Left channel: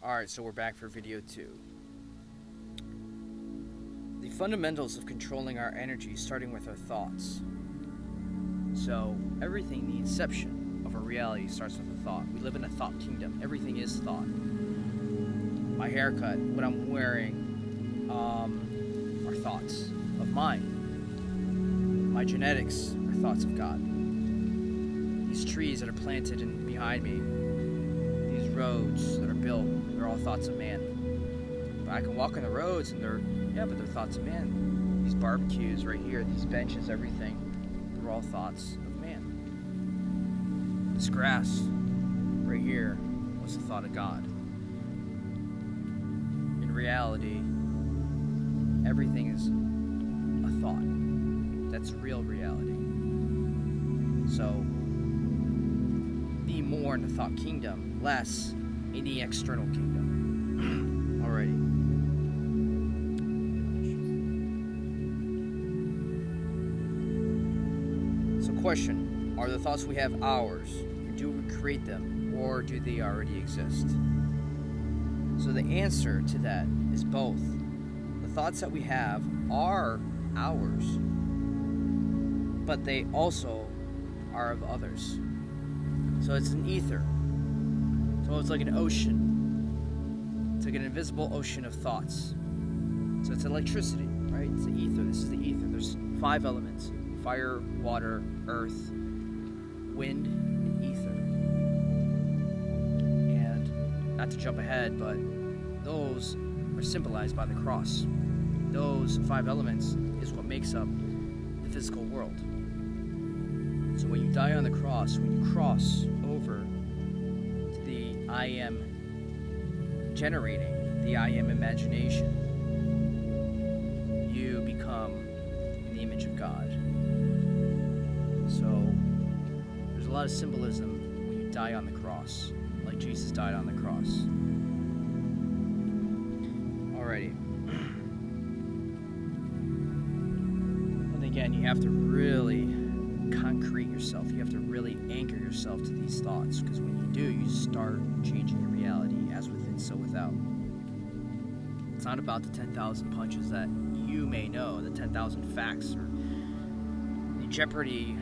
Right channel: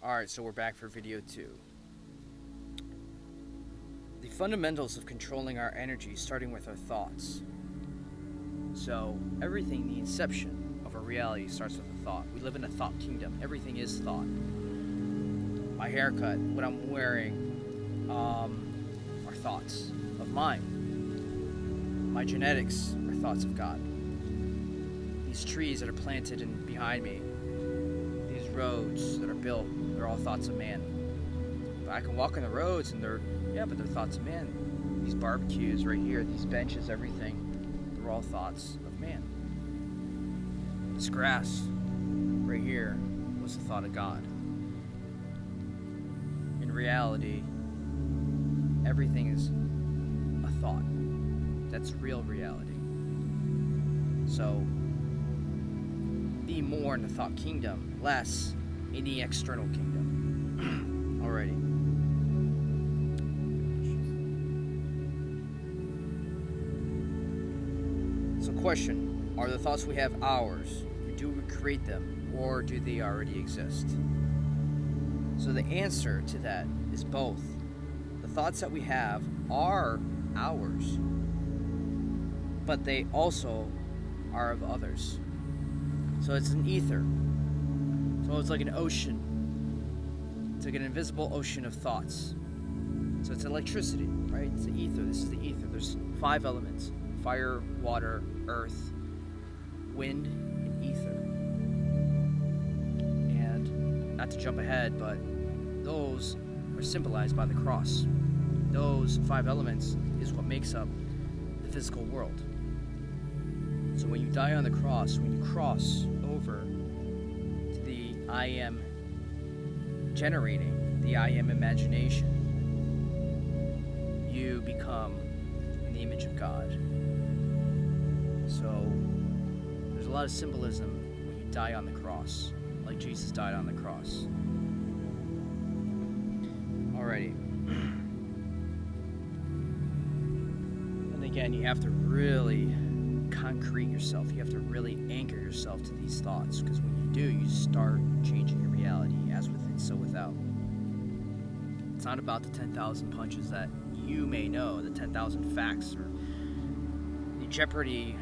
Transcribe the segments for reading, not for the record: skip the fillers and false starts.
Alright, so we're back for video 2. The fundamentals of controlling our energy, starting with our thoughts. So, everything, the inception of our reality starts with a thought. We live in a thought kingdom. Everything is thought. My haircut, what I'm wearing, are thoughts of mine. My genetics are thoughts of God. These trees that are planted behind me, these roads that are built, they're all thoughts of man. But I can walk on the roads and they're thoughts of man. These barbecues right here, these benches, everything, they're all thoughts of man. This grass right here was the thought of God. In reality, everything is a thought. That's real reality. So, be more in the thought kingdom, less in the external kingdom. Alrighty. So question, are the thoughts we have ours? Or do we create them? Or do they already exist? So the answer to that is both. The thoughts that we have are ours, but they also are of others. So it's an ether. So it's like an ocean. It's like an invisible ocean of thoughts. So it's electricity, right? It's the ether. This is the ether. There's 5 elements: fire, water, earth, wind, and ether. And not to jump ahead, but those are symbolized by the cross. Those 5 elements is what makes up the physical world. So when you die on the cross, when you cross over to the I am generating, the I am imagination, you become in the image of God. So there's a lot of symbolism when you die on the cross, like Jesus died on the cross. Alrighty. And again, you have to really concrete yourself. You have to really anchor yourself to these thoughts, because when you do, you start changing your reality, as within, so without. It's not about the 10,000 punches that you may know, the 10,000 facts, or the Jeopardy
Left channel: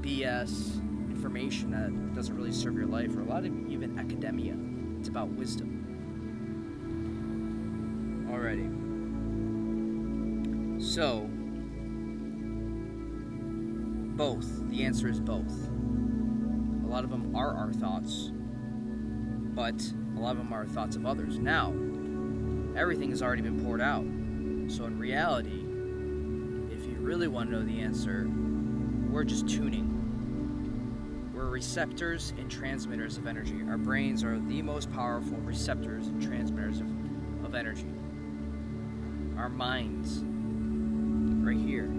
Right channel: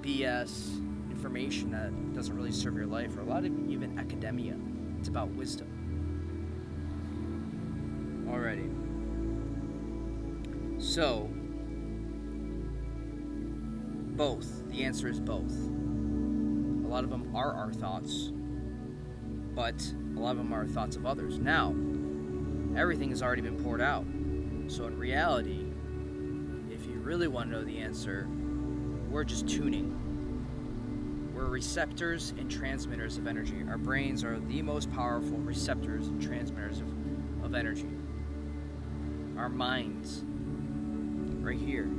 BS information that doesn't really serve your life, or a lot of even academia. It's about wisdom. Alrighty. So, both. The answer is both. A lot of them are our thoughts, but a lot of them are thoughts of others. Now, everything has already been poured out. So in reality, if you really want to know the answer, we're just tuning. We're receptors and transmitters of energy. Our brains are the most powerful receptors and transmitters of energy. Our minds, right here,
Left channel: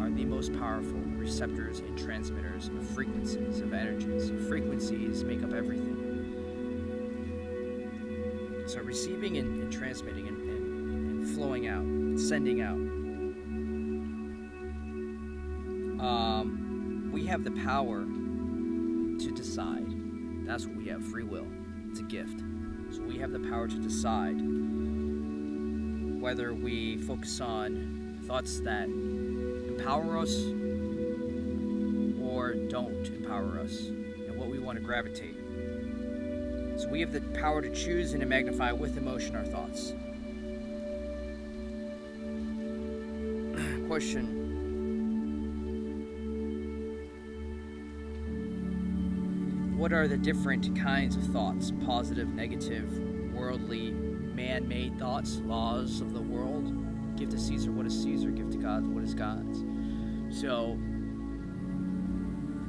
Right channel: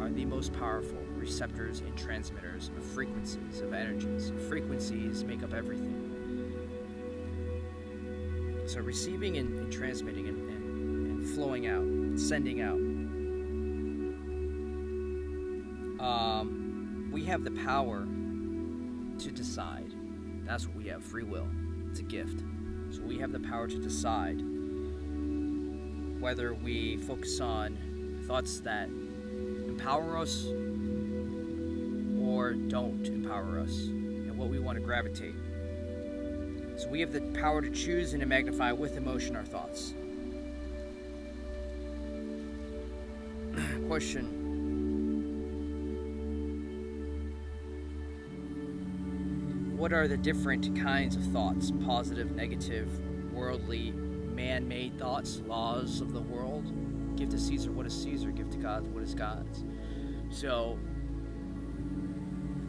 are the most powerful receptors and transmitters of frequencies, of energies. Frequencies make up everything. So receiving and transmitting and flowing out, sending out. We have the power to decide. That's what we have, free will. It's a gift. So we have the power to decide whether we focus on thoughts that empower us or don't empower us, and what we want to gravitate. So we have the power to choose and to magnify with emotion our thoughts. Question. What are the different kinds of thoughts? Positive, negative, worldly, man-made thoughts, laws of the world. Give to Caesar what is Caesar, give to God what is God's. So,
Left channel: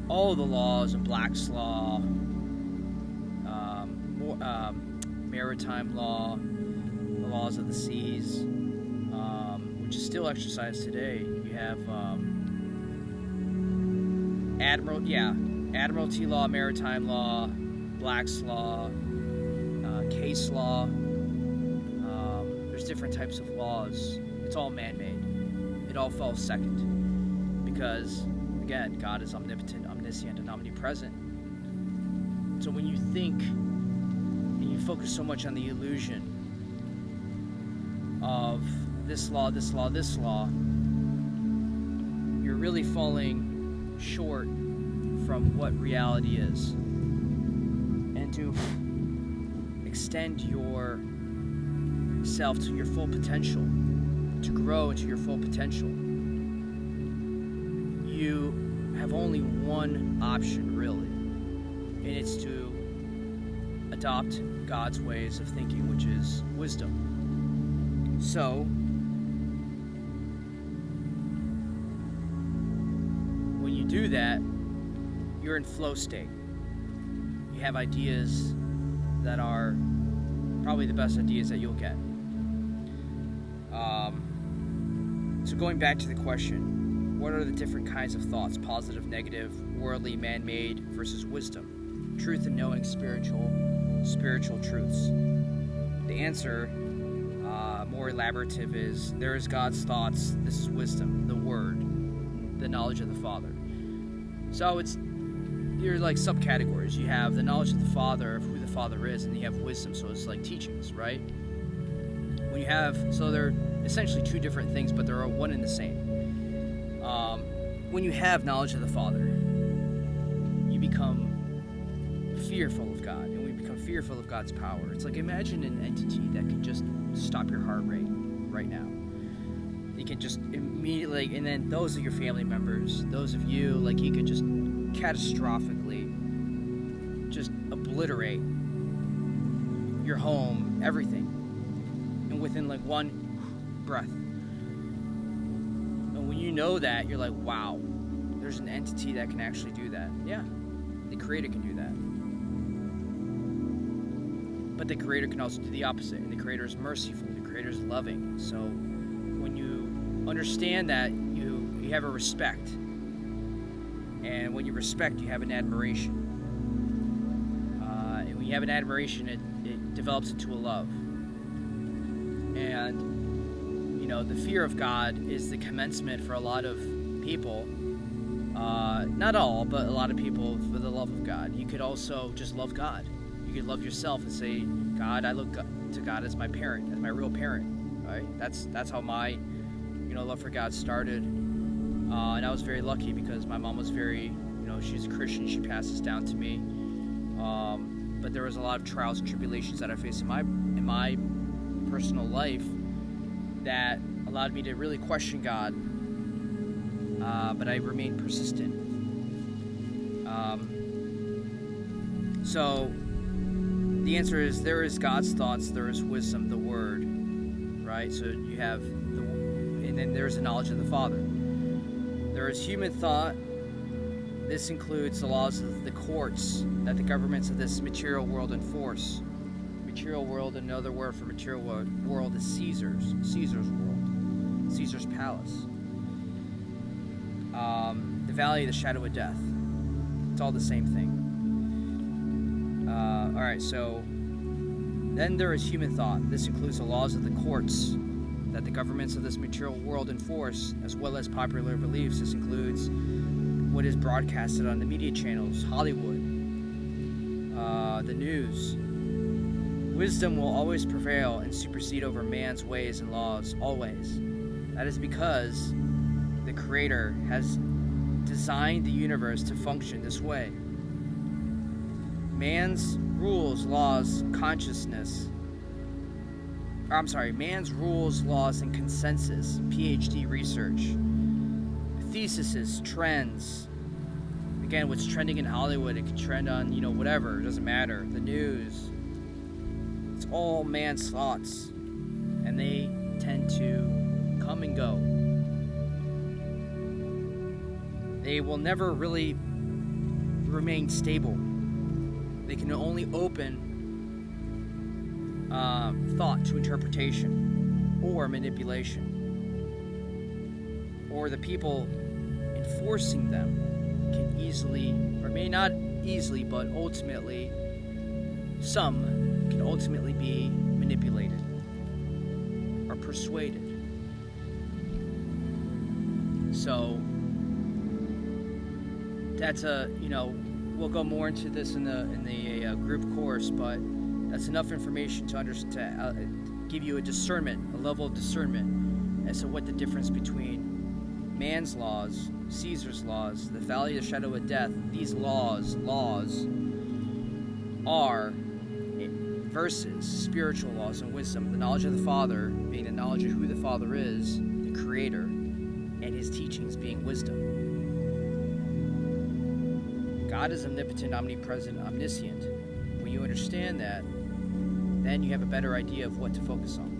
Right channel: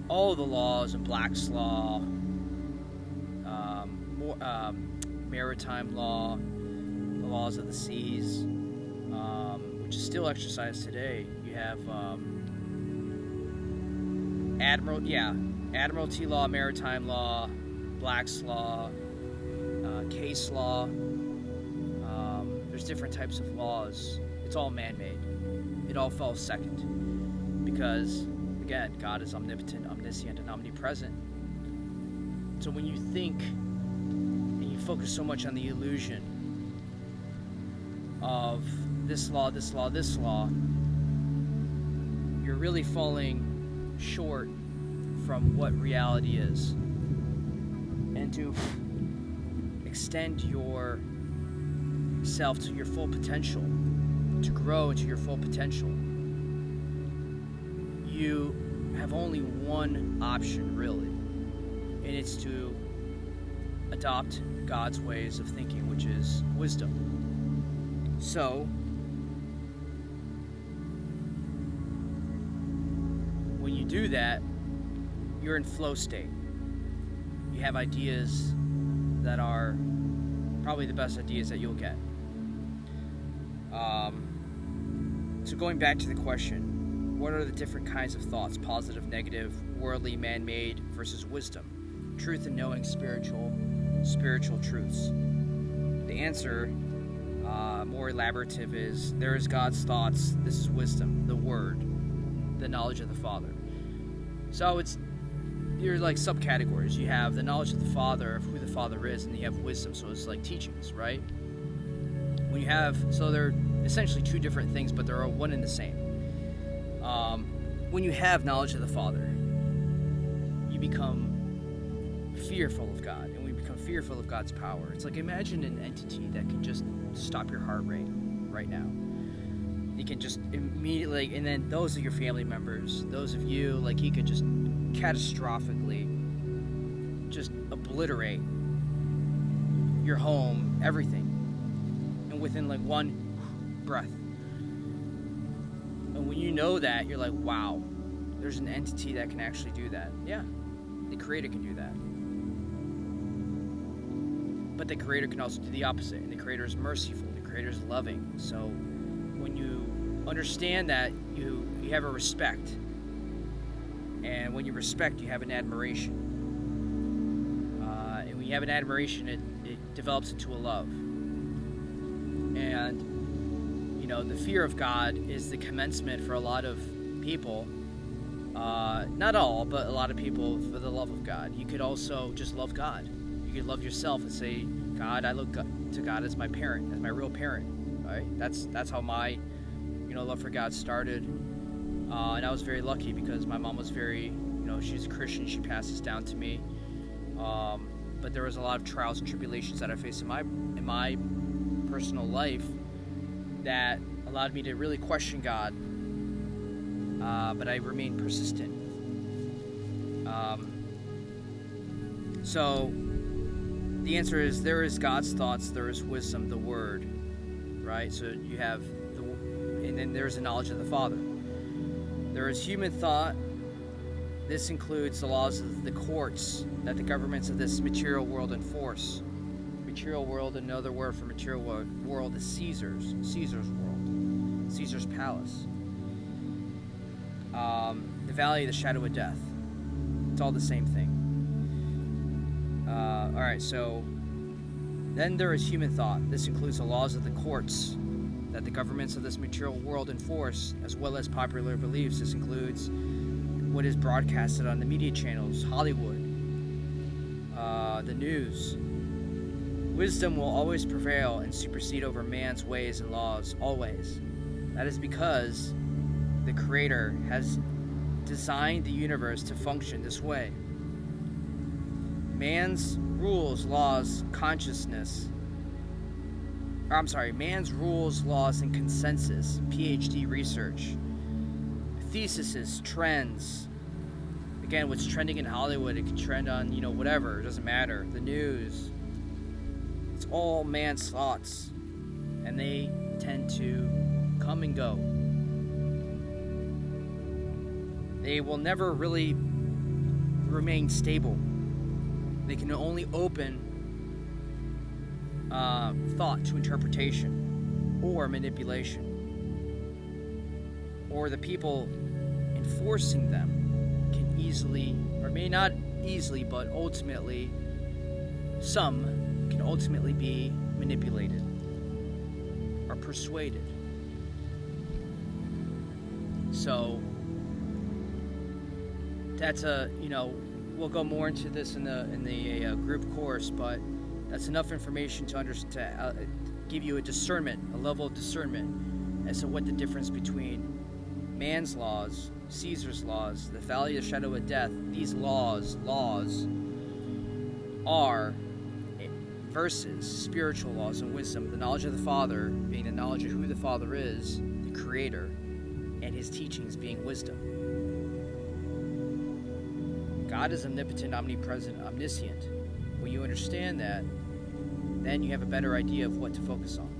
all the laws of Black's Law, maritime law, the laws of the seas, which is still exercised today. You have Admiralty law, maritime law, Black's Law, case law. There's different types of laws. It's all man-made. It all falls second. Because, again, God is omnipotent, omniscient, and omnipresent. So when you think and you focus so much on the illusion of this law, this law, this law, you're really falling short from what reality is. And to extend yourself to your full potential, to grow into your full potential, you have only one option, really, and it's to adopt God's ways of thinking, which is wisdom. So, when you do that, you're in flow state. You have ideas that are probably the best ideas that you'll get. So going back to the question, what are the different kinds of thoughts? Positive, negative, worldly, man-made versus wisdom. Truth and knowing, spiritual truths. The answer, more elaborative, is there is God's thoughts. This is wisdom, the Word, the knowledge of the Father. So you're like subcategories. You have the knowledge of the Father, of who the Father is, and you have wisdom. So it's like teachings, right? So they're essentially two different things, but they're one and the same. When you have knowledge of the Father, you become fearful of God, and we become fearful of God's power. It's like, imagine an entity that can just stop your heart rate right now. He can just immediately, and then those are your family members, those of you, like, he could just catastrophically just obliterate your home, everything, and within like one breath. And when you know that, you're like, wow, there's an entity that can actually do that. Yeah, the Creator can do that. But the Creator can also do the opposite. And the Creator is merciful. The Creator is loving. So when you understand that, you have a respect. And when you respect, you have an admiration. And when you have an admiration, it develops into a love. And the fear of God is the commencement for a lot of people, not all, but a lot of people, for the love of God. You could also just love God. You could love yourself and say, God, I look to God as my parent, as my real parent, right? That's how my, love for God started. And I was very lucky because my mom was very, she's a Christian. She passed this down to me. But there was a lot of trials and tribulations that I faced in my personal life that allowed me to really question God, but I remained persistent. So the answer is, there is God's thoughts, there is wisdom, the Word, right? So you have and then there's the knowledge of the Father. There is human thought. This includes the laws of the courts that the governments of this material world enforce. Material world, another word for material world is Caesar's world, Caesar's palace. The valley of the shadow of death. It's all the same thing. Alright, so then there is human thought. This includes the laws of the courts that the governments of this material world enforce, as well as popular beliefs. This includes what is broadcasted on the media channels, Hollywood, the news. Wisdom will always prevail and supersede over man's ways and laws, always. That is because the Creator has designed the universe to function this way. Man's rules, laws, man's rules, laws, and consensus, PhD research, theses, trends. Again, what's trending in Hollywood, it can trend on, whatever, it doesn't matter. The news. It's all man's thoughts, and they tend to come and go. They will never really remain stable. They can only open thought to interpretation or manipulation. Or the people enforcing them can easily, or may not easily, but ultimately, some can ultimately be manipulated or persuaded. So that's we'll go more into this in the group course, but That's enough information to give you a discernment, a level of discernment as to what the difference between man's laws, Caesar's laws, the valley of the shadow of death, these laws are versus spiritual laws and wisdom. The knowledge of the Father being the knowledge of who the Father is, the Creator, and His teachings being wisdom. God is omnipotent, omnipresent, omniscient. When you understand that, then you have a better idea of what to focus on.